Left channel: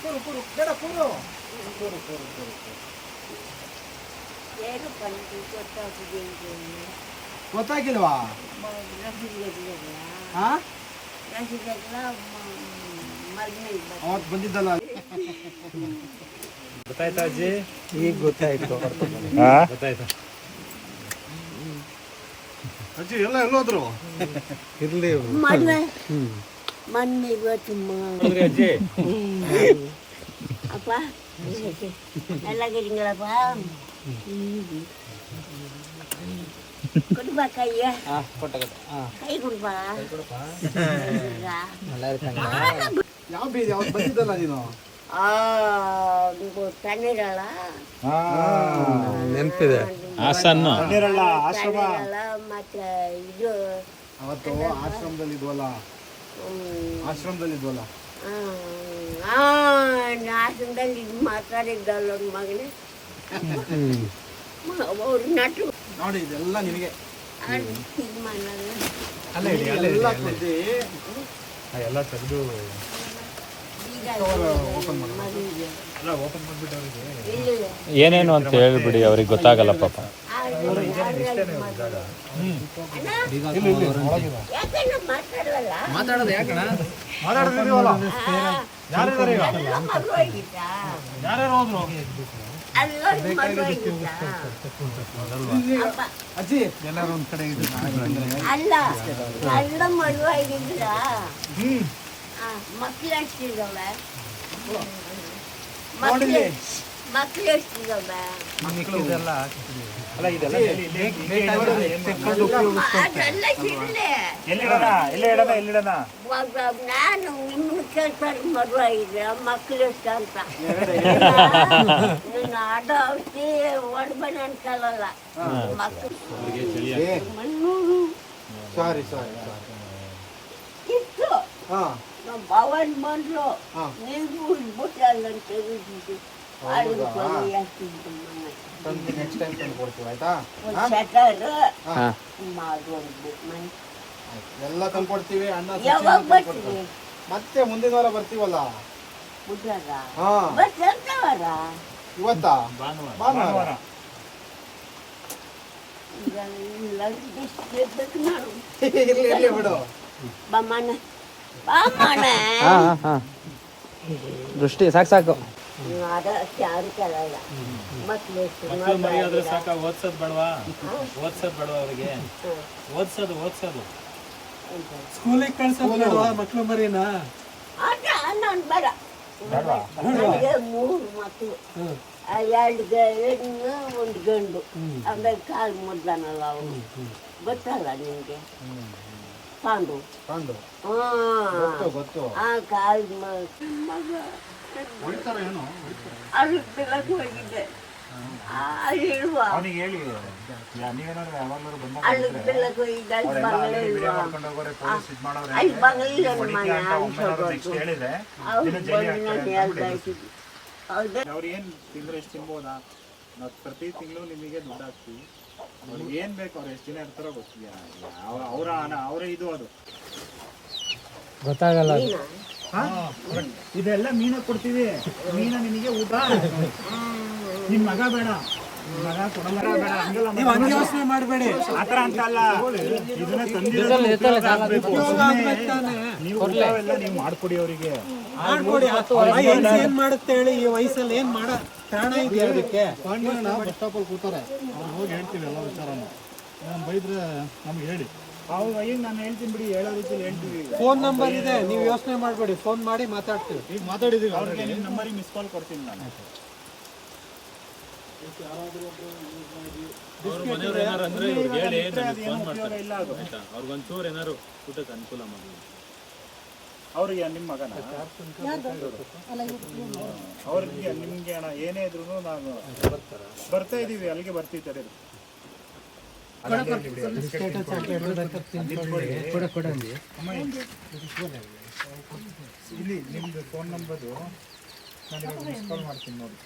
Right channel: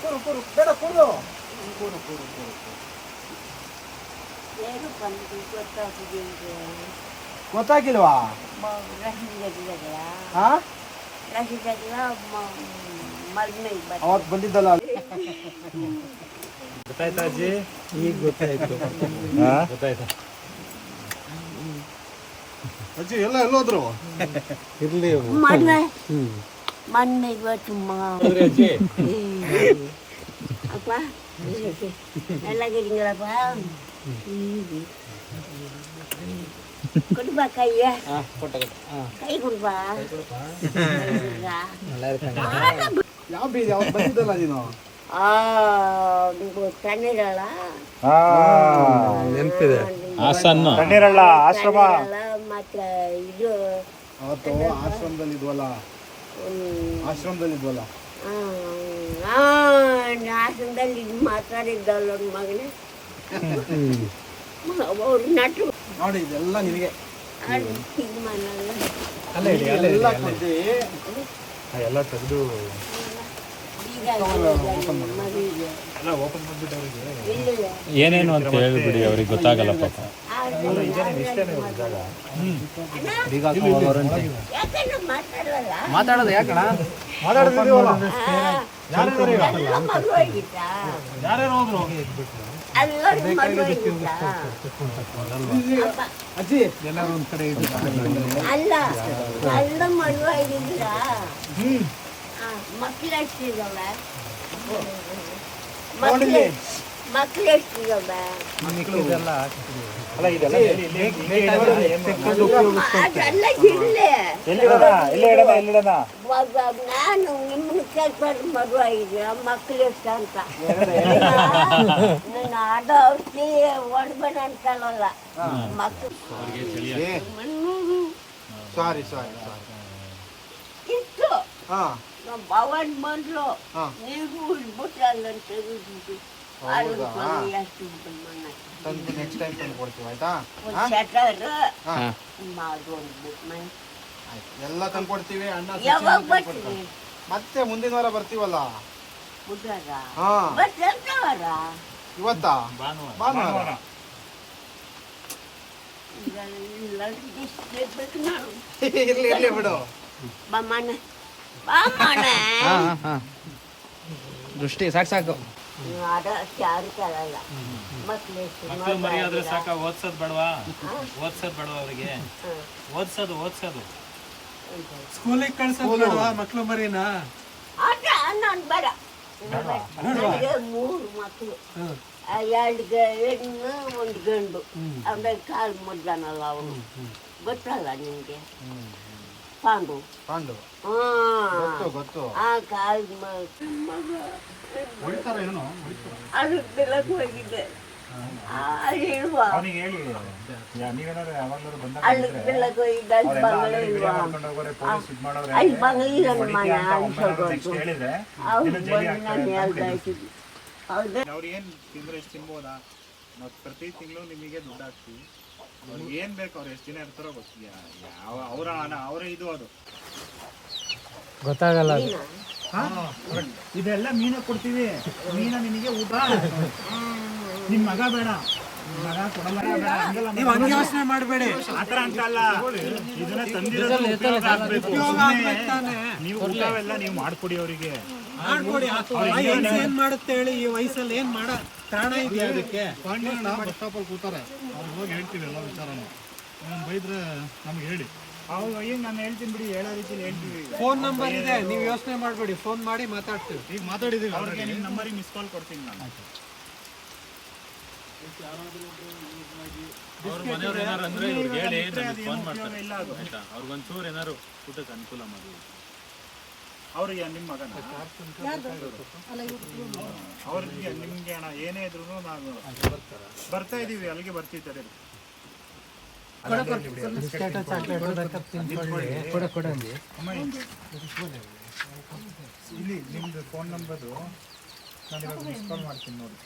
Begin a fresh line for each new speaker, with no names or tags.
ಕೂರು ಕೂರು ಬೇಡ. ಕೂರು ಕೂರು ಕೂರು ಕೂರು
ಏನು ಬಂದು ಗೊತ್ತಾಗಿದೆ
ಗೊತ್ತಾಗಿಲ್ವಾ? ಅವತ್ತು ಬಂದಿದ್ದಲ್ಲ?
ಗೊತ್ತಾಯ್ತಾ ಅಜ್ಜಿ
ಈಗ ಗೊತ್ತಾಯ್ತು.
ಗೊತ್ತಾಯ್ತಾ?
ಅಜ್ಜಿ ಎಲ್ಲ ಎಲ್ಲೋದ್ರು?
ಇರ್ಲಿ.
ಮನ್ಮೆ ಮನ್ಮೆ ಇವತ್ತು
ಅಜ್ಜಿ
ಅಪ್ಪ ಎಲ್ಲ ಗಿರಿಂಗಳಪ್ಪ ಕೊಡ್ಬಾ ಕೈಯ
ಕೊಟ್ಟ ಕೊಟ್ಟ ಹಾಂ
ಕೈ ಕೊಡ್ಬಾ
ಯಾವ ಬೀದಿ ಅವತ್ತು ಬಂದಿದ್ದಲ್ಲ ನೀನು
ಆ ನೀವು ತಣ್ಣೀರಲ್ಲ
ನೆನಪಿದೆ ಹಾಸನ್ನು ತಣ್ಣೀರಲ್ಲ ಆಶ್ರಮ
ತಣ್ಣೀರಲ್ಲ ಮತ್ತೆ ಇದು
ಅವತ್ತು ಆಶ್ರಮದಲ್ಲಿ ಇದ್ವಲ್ಲ
ಹ್ಮ್,
ಆಶ್ರಮದಲ್ಲಿ ಇದ್ವಲ್ಲ
ಆಶ್ರಮದಲ್ಲಿ ಇದು ಮಾತಾಡಿದ್ದಲ್ಲ ಒಂದು ಮಗನೇ. ಅವ್ರು ನಟು.
ನೋಡಿ ಇದೆಲ್ಲ ನಿನಗೆ.
ಇದು ಮಾಡಲ್ಲ
ಅಲ್ಲೇ ಇಡಿ ಅಲ್ಲೇ
ಎಲ್ಲ
ತೆಗೆದು.
ಏನೇನು ಅಂತ ಹೇಳ್ಬಿಡಿ ಅವ್ರಿಗೆ ಗೊತ್ತಾಗಲ್ಲ ಪಾಪ.
ಮಾತಾಡೋದು ಯಾಕಣ
ಯಾರಿದ್ದಾರೆ
ಯಾರ್ಯಾರು ಹೋದ್ರು?
ಅಜ್ಜಿ. ಎಲ್ಲಾರು ಒಂದ್ ಕಡೆ
ಅಲ್ಲ ಅಲ್ಲ ಮಕ್ಳು ಎಷ್ಟಿದಾವೆ? ಮಕ್ಳು
ಇದೆಲ್ಲ
ಅಲ್ಲ ಇದೆಲ್ಲ
ನಾನು ನಿಮ್ಮ ಕೆಲಸ ಮದುವಾಗಿದ್ದೆ ಮಕ್ಳು ಎಷ್ಟು ಅಂತ. ನಾನು ಆಟೋ ಔಷಧಿ ಹೊಡ್ಬೇಡ ಅನ್ಕೊಳ್ಳಲ್ಲ ಮಕ್ಳು
ಸಾರಿ ಸಾರಿ
ಇತ್ತು. ಭವನ್ ಬಂದ್ರು
ನೀವು
ನೀರು ಉಳ್ಬಿಟ್ಟು
ತಂದು ನೆಕ್ಸ್ಟ್ ಟೈಮ್ ತಂದು ಕೊಡ್ತೀವಿ ಆಯ್ತಾ? ಹಾ. ಆಯ್ತು. ಎಲ್ಲ ತಂದು ಕೊಡ್ತೀವಿ ಅಣ್ಣ ಸಚಿನ್
ಯಾವಾಗ
ತಂದು
ಬರ್ತೀವಿ?
ಕೊಡ್ತಾರೆ. ಮತ್ತೆ ಮುಂದಿನ ವಾರ ಬರ್ತೀವಲ್ಲ? ಹಾ. ಇವತ್ತಾ?
ಭಾನುವಾರ.
ಬಿಡು.
ಬಮ್ಮನ ಬಮ್ಮನ
ದೃಷ್ಟಿ ಸಾಕು ಸಾಕು.
ಅದ ಯಾರು ಕಳಲ್ಲ. ಮಕ್ಳು ಎಷ್ಟು
ಮಕ್ಳು ಮರಿ ಆದ್ರೆ ಸಾಕ ಓದ್ಸೋದ್ ಬೇಡವಾ? ಓದ್ಸೋದ್ ಬೇಡವಾ ಅವರಿಗೆ? ಓದ್ಸೋದು ಓದ್ಸೋದು.
ಸ್ಕೂಲಿಗೆ ಕಳ್ಸೋದು ಬೇಡವಾ ಮಕ್ಳು ಮರಿನಾ?
ಅದ ನಾನು ಬರ ನನಗೆ ಮೂರು ಮಕ್ಕಳು ಎರಡು ಹೆಣ್ಣು ಒಂದು ಗಂಡು. ಆಮೇಲೆ ಕಾಲು ಮುದ್ದಾನಲ್ಲ ಅವನು ಗೊತ್ತಲ್ಲ ನಿಮಗೆ ಪಾಂಡು.
ಪಾಂಡು.
ಹಾ.
ಗೊತ್ತು ಗೊತ್ತು.
ಆ ಕಾಲು ಮಗ. ಅದು ಬೆಳಕು ಹೋಗಿದ್ದೆ ಅಲ್ಲಿ ಇಳುವ
ಅವನಿಗೆ ಹೇಳಿ. ಯಾ- ನೀವೇನಾದ್ರು ಯಾವಾಗ್ಲಾದ್ರು ಬಂದಾಗ
ಅಲ್ಲಿ ಬೆಳಕು ಹೋಗಿದ್ದೆ ಅಲ್ಲಿ ಬಂಗಲೆ
ಆಲ್ರೆಡಿ ವಿಡಿಯೋ
ಇಲ್ವಾ
ಮಾಡ್ಕೊಂಡು ಹೋಗೋರೆ ಪೊಲೀಸ್ ಇದ್ ಮಾಡೋರೆ
ಅಲ್ಲಿ ಬಂಗಲಿಲ್ಲ
ಅಂತ ಒಮ್ಮೆ ನೆಕ್ಸ್ಟ್ ಹೇಳಿದ್ರೆ
ಅವ್ರು
ನೀನು ಜೈಲಿಗೆ
ಬಂದು
ಹಾಕ್ತಾರೆ
ನಾನು
ಅಂತ
ಹೇಳ್ತಾ
ಬಿಡಿ.
ಇದ್ದೀನಿ ಹೌದಾ.
ಅವ್ರು ಏನ್ ತಿಂದ್ರೆ ಎಷ್ಟು ತಿನ್ಬೋದಾ? ನಾವು ಪ್ರತಿ ತಿಂಗಳು ನಿಮಗೆ ದುಡ್ಡು ಹಾಕ್ತೀವಿ. ಅವ್ರಿಗೆ ಏನ್ ಬೇಕು ಅವ್ರು ಎಷ್ಟು ದಿನ ಇರ್ತಾರೋ ಗೊತ್ತಿಲ್ಲ. ಯಾವ ಅವರ ಹಣ ಅವರೇ ಇದು ಅದು.
ನೀನಾ?
ಇದೆಲ್ಲ ಮೀನ ಕೊಡ್ತೀವಿ. ಮೀನ ನಿಮಗೆ ಊಟ. ನಿಮ್ ಮಗ ಬೇಡ.
ನೀವು ಹಂಗೆ ಯೋಚನೆ ಮಾಡಬೇಡಿ.
ಆತರ ಅಂತ ಅಲ್ಲ. ಇದನ್ನ ತಂದಿರೋದು ನೀವು ಊಟವೆಲ್ಲ ನೀವು ಮಾಡ್ಕೊಡಿ ಅವರಿಗೆ.
ಮಾಡ್ಕೊಡಿ ಏನ್ ಮಾಡುತ್ತೆ ಹೇಳಿ? ಈ ವಯಸ್ಸಲ್ಲಿ ಏನ್ ಮಾಡ ಕಾರಣ ಇದೆ ಅದಕ್ಕೆ?
ಕೂತಾರೆ. ಅವ್ರು ಹೋಗಿ ಹೇಳ್ತೀವಿ ಎಲ್ಲ ವಿಚಾರ ನಾನು ಬೈದ್ರೆ ನಮ್ಗೆ ಹೇಳಿ.
ಅವ್ರು ಅಯ್ಯ ನಾನು ಹೇಳ್ತೀನಿ ಬಿಡಿ ಹೇಳೋ ರೀತಿಲಿ ಹೇಳ್ತೀವಿ
ಫೋನ್ ನಂಬರ್ ಇದೆ ನೀವು ಯೋಚನೆ ಮಾಡಬೇಡಿ ಫೋನ್ ಮಾಡಿ ಮಾತಾಡ್ತೀವಿ.
ಈಗ ಮಾತಾಡಿದ್ದೀವಿ
ಅವ್ರಿಗೆ ನಿಮ್ಮ ನಂಬರಿಗೆ ಮಿಸ್ ಕಾಲ್ ಕೊಡ್ತೀನಿ ನಾನು.
ಅವ್ರಿಗೊಂಚೂರು ಏನಾರು ಊಟಕ್ಕೆ ಅನುಕೂಲ ಮಾಡಿ.
ಅವ್ರಿಗೆ ನಿಮ್ಮ ಮಗನ? ಅವ್ರಿಗೆ ನಿಮ್ಗೆ ಅಣ್ಣ ಏನೇ ಇದ್ರು ನಾನು ಬರ್ತಾ ಇದೀವಿ ಅಲ್ಲಿಗೆ ಬರ್ತೀವಿ ತಡೀರಿ ಇಲ್ಲಿ ನಿಮ್ದು ಫೋನ್ ನಂಬರು ನಾನು ಇವಾಗ ಮಿಸ್ ಕಾಲ್ ಮಾಡ್ತೀನಿ ನೋಡಿ.